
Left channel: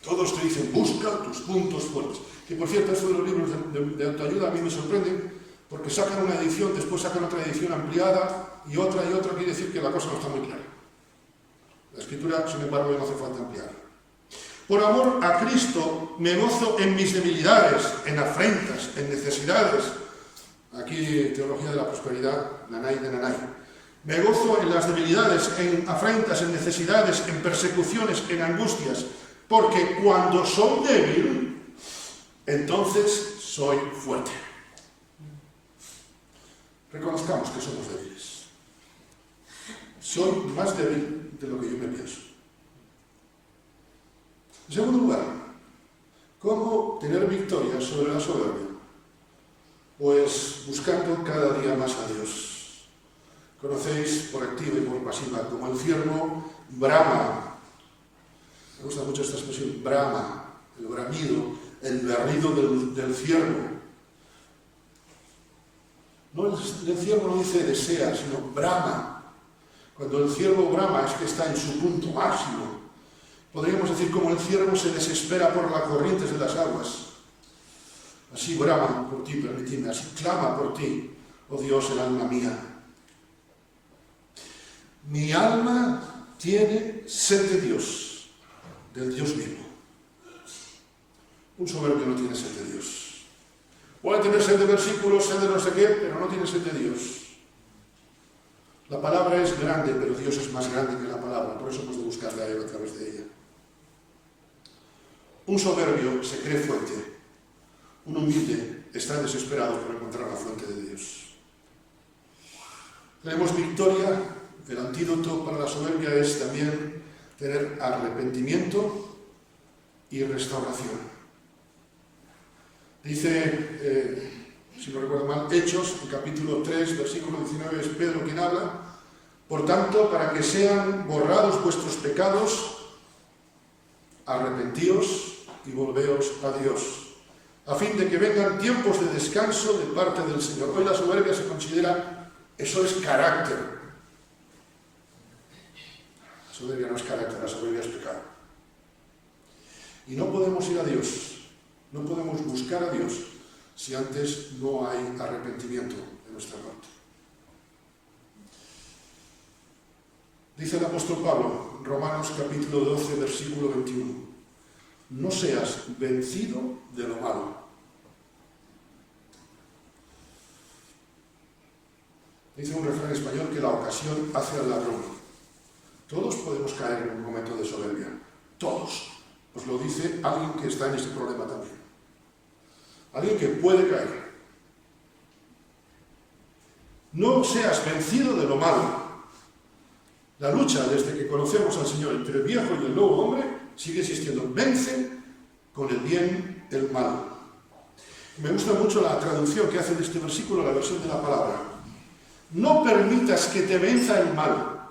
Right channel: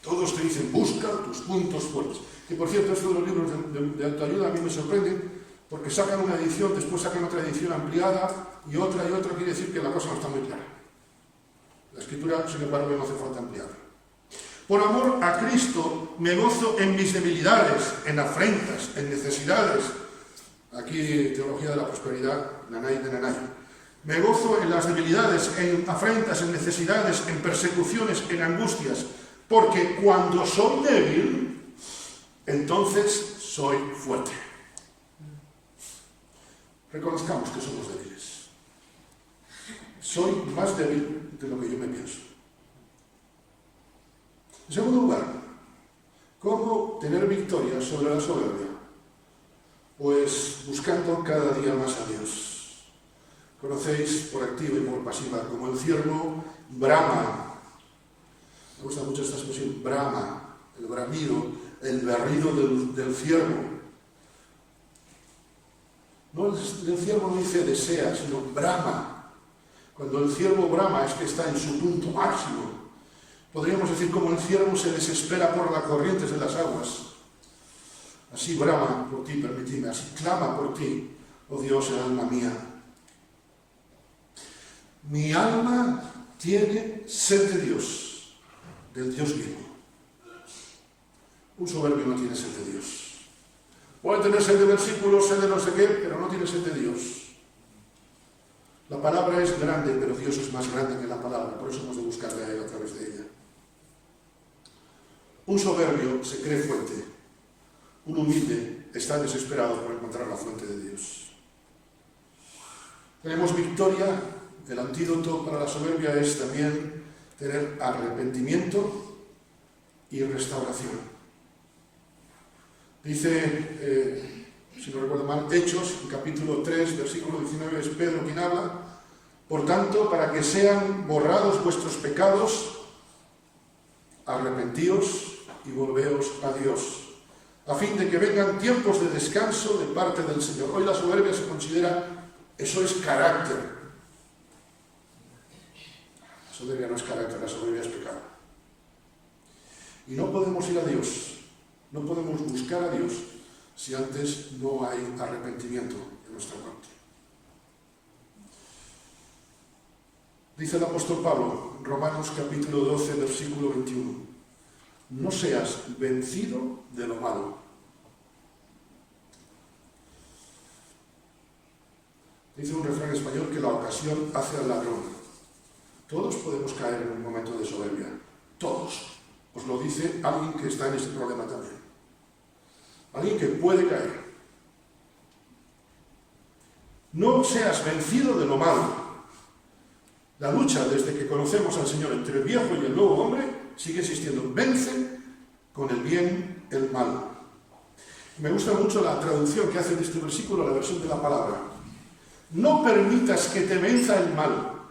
todos te dicen, busca tus puntos fuertes. Que por cierto, estos de los libros de autoayuda a mí me sorprenden, porque sacan una edición, después sacan otra edición ampliada, y otra, quiere decir que la cosa no está muy clara. La Escritura, sin embargo, no hace falta ampliar. Por amor a Cristo me gozo en mis debilidades, en afrentas, en necesidades. Aquí, teología de la prosperidad, nanay de nanay. Me gozo en las debilidades, en afrentas, en necesidades, en persecuciones, en angustias, porque cuando soy débil, entonces soy fuerte. Reconozcamos que somos débiles. Soy más débil de lo que yo me pienso. En segundo lugar, ¿Cómo tener victoria sobre la soberbia? Pues buscando cada día más a Dios. Conocéis por activa y por pasiva como el ciervo brama. Me gusta mucho esta expresión, brama, el bramido, el berrido del ciervo. No, el ciervo no dice desea, sino brama. Cuando el ciervo brama es que está en su punto máximo. Podríamos decir como el ciervo se desespera por las corrientes de las aguas. Así brama por ti, permitidme, así clama por ti, oh Dios, el alma mía. Mi alma tiene sed de Dios, del Dios vivo. Un soberbio no tiene sed de Dios. Puede tener sed de versículos, sed de no sé qué, pero no tiene sed de Dios. La palabra es grande, pero Dios es más grande que la palabra, por eso hemos de buscarle a Él a través de ella. Un soberbio se cree fuerte, un humilde está desesperado por encontrar la fuente de Dios. Tenemos victoria, el antídoto para la soberbia es también tener arrepentimiento y restauración. Dice, si no recuerdo mal, Hechos, en capítulo 3, versículo 19, es Pedro quien habla. Por tanto, para que sean borrados vuestros pecados, arrepentíos y volveos a Dios, a fin de que vengan tiempos de descanso de parte del Señor. Hoy la soberbia se considera, eso es carácter. La soberbia no es carácter, la soberbia es pecado. Y no podemos ir a Dios, no podemos buscar a Dios si antes no hay arrepentimiento de nuestra parte. Dice el apóstol Pablo, Romanos capítulo 12, versículo 21, no seas vencido de lo malo. Dice un refrán español que la ocasión hace al ladrón. Todos podemos caer en un momento de soberbia. Todos. Os lo dice alguien que está en ese problema también. Alguien que puede caer. No seas vencido de lo malo. La lucha desde que conocemos al Señor entre el viejo y el nuevo hombre sigue existiendo. Vence con el bien el mal. Me gusta mucho la traducción que hace de este versículo, la versión de la palabra. No permitas que te venza el mal.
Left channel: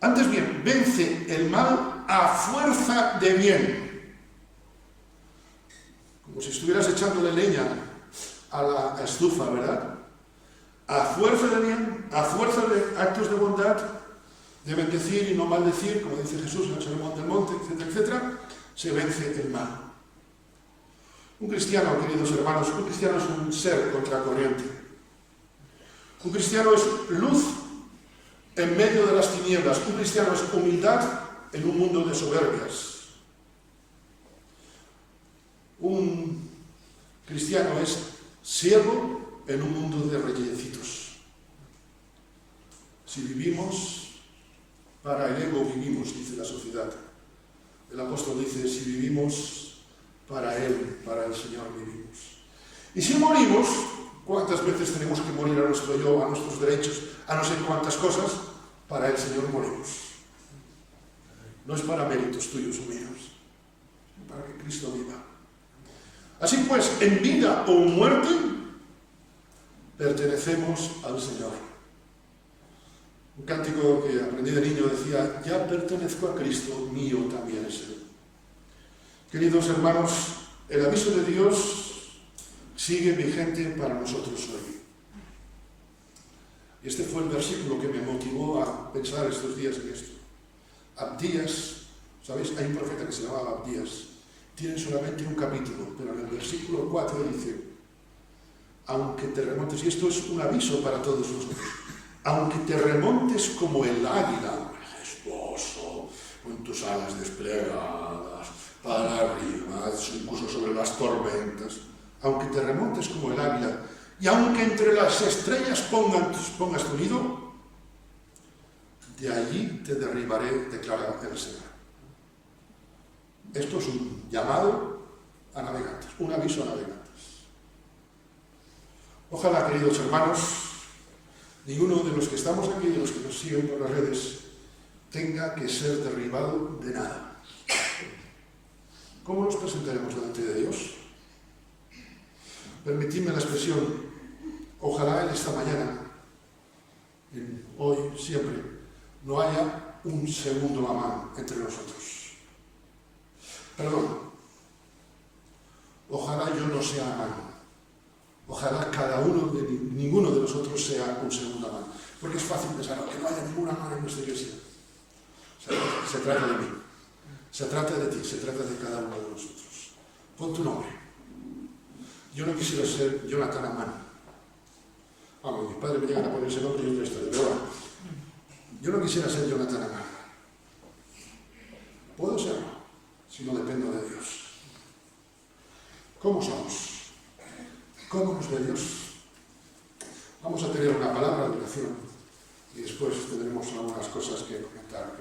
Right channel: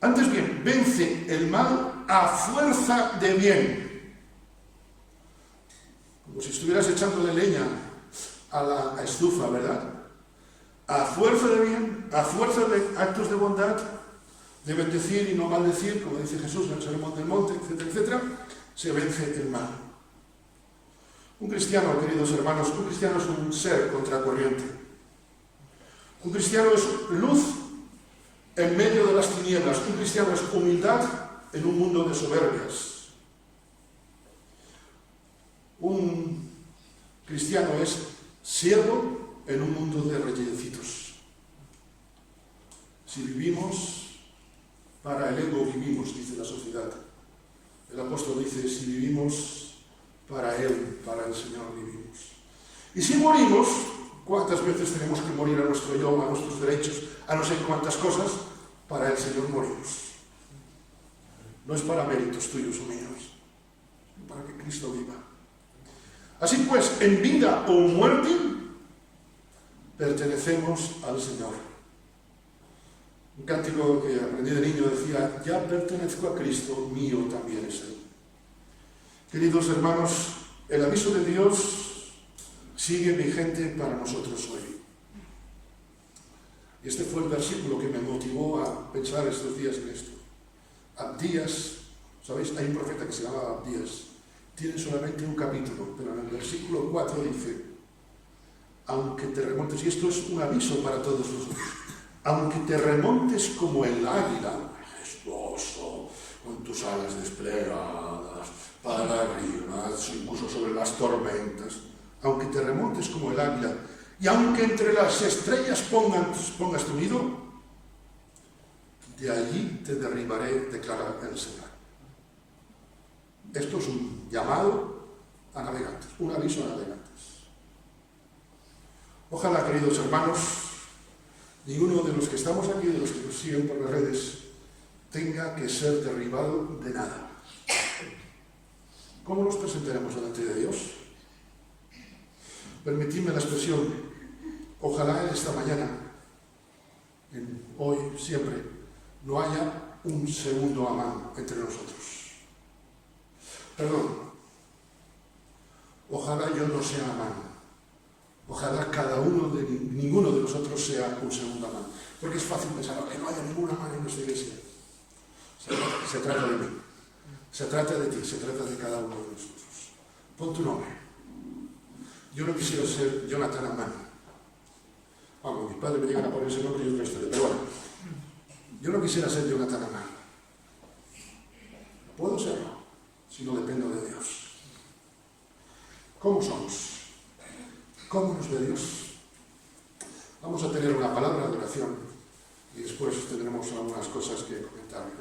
Antes bien, vence el mal a fuerza de bien. Como si estuvieras echándole leña a la estufa, ¿verdad? A fuerza de bien, a fuerza de actos de bondad, de bendecir y no maldecir, como dice Jesús en el Sermón del Monte, etcétera, etcétera, se vence el mal. Un cristiano, queridos hermanos, un cristiano es un ser contracorriente. Un cristiano es luz en medio de las tinieblas. Un cristiano es humildad en un mundo de soberbias. Un cristiano es siervo en un mundo de reyecitos. Si vivimos para el ego, vivimos, dice la sociedad. El apóstol dice, si vivimos para Él, para el Señor vivimos. Y si morimos, ¿cuántas veces tenemos que morir a nuestro yo, a nuestros derechos, a no sé cuántas cosas? Para el Señor morimos. No es para méritos tuyos o míos, sino para que Cristo viva. Así pues, en vida o muerte, pertenecemos al Señor. Un cántico que aprendí de niño decía, ya pertenezco a Cristo, mío también es Él. Queridos hermanos, el aviso de Dios sigue vigente para nosotros hoy. Y este fue el versículo que me motivó a pensar estos días en esto. Abdías, ¿sabéis? Hay un profeta que se llamaba Abdías. Tiene solamente un capítulo, pero en el versículo 4 dice, aunque te remontes, y esto es un aviso para todos nosotros, aunque te remontes como el águila, majestuoso, con tus alas desplegadas, para arriba, incluso sobre las tormentas, aunque te remontes como el águila, y aunque entre las estrellas pongas tu nido, de allí te derribaré, declara el Señor. Esto es un llamado a navegantes, un aviso a navegantes. Ojalá, queridos hermanos, ninguno de los que estamos aquí, de los que nos siguen por las redes, tenga que ser derribado de nada. ¿Cómo nos presentaremos delante de Dios? Permitidme la expresión, ojalá en esta mañana, hoy, siempre, no haya un segundo Amán entre nosotros. Perdón, ojalá yo no sea Amán. Ojalá ninguno de nosotros sea un segundo Amán. Porque es fácil pensar que no haya ningún Amán en nuestra iglesia. Se trata de mí, se trata de ti, se trata de cada uno de nosotros. Pon tu nombre. Yo no quisiera ser Jonathan Amán. Vamos, mis padres me llegan a poner ese nombre y otra historia, pero bueno. Yo no quisiera ser Jonathan Amán. Puedo serlo, si no dependo de Dios. ¿Cómo somos? ¿Cómo nos ve Dios? Vamos a tener una palabra de oración y después tendremos algunas cosas que comentar.